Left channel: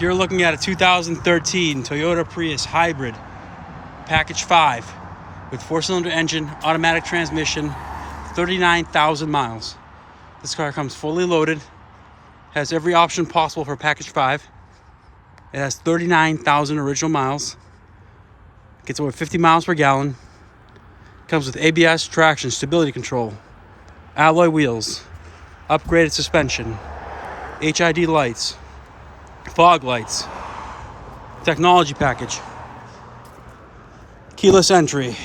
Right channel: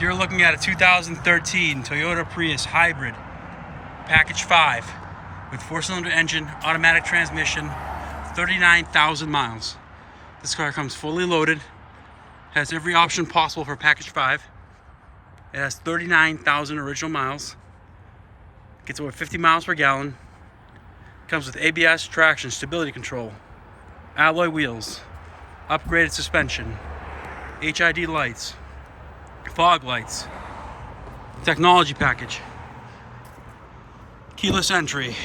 You're looking at a 2013 Toyota Prius Hybrid Pkg5 with 4-cylinder engine, automatic transmission, 39,000 miles. This car comes fully loaded, has every option possible for Pkg5. It has 39,000 original miles, gets over 50 miles per gallon, comes with ABS, traction, stability control, alloy wheels, upgraded suspension, HID lights, fog lights, technology package, keyless entry,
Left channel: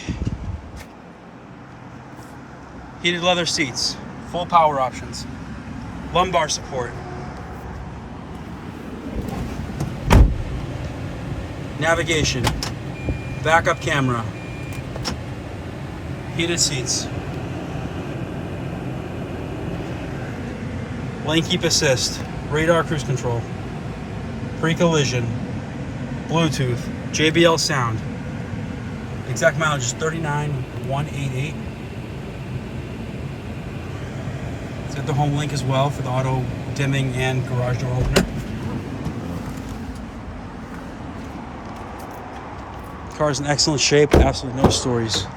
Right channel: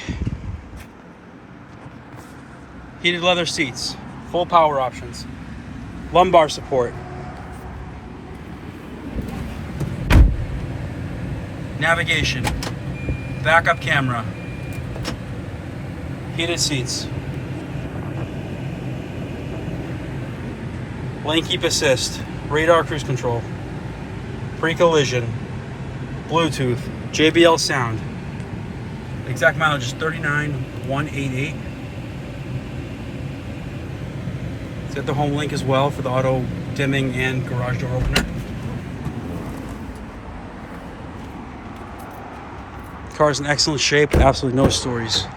heated leather seats, full power options, lumbar support, navigation, backup camera, heated seats, lane keep assist, radar cruise control, pre-collision, Bluetooth, JBL sound. The exact mileage is 39,188. It's got the home link as well for the auto dimming and garage door opener. Car's in excellent shape, absolutely no stories.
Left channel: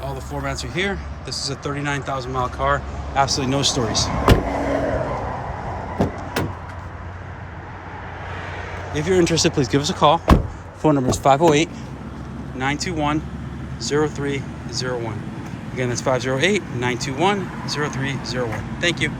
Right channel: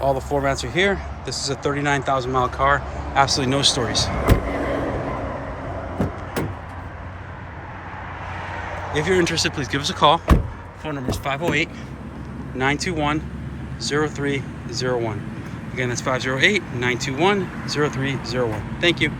All the floor mats are here. This is a 39,000 mile car, absolutely no stories. If you're interested, please give us a call. Phone number is 508-921-0301. Again, that's 508-921-0301. Thank you.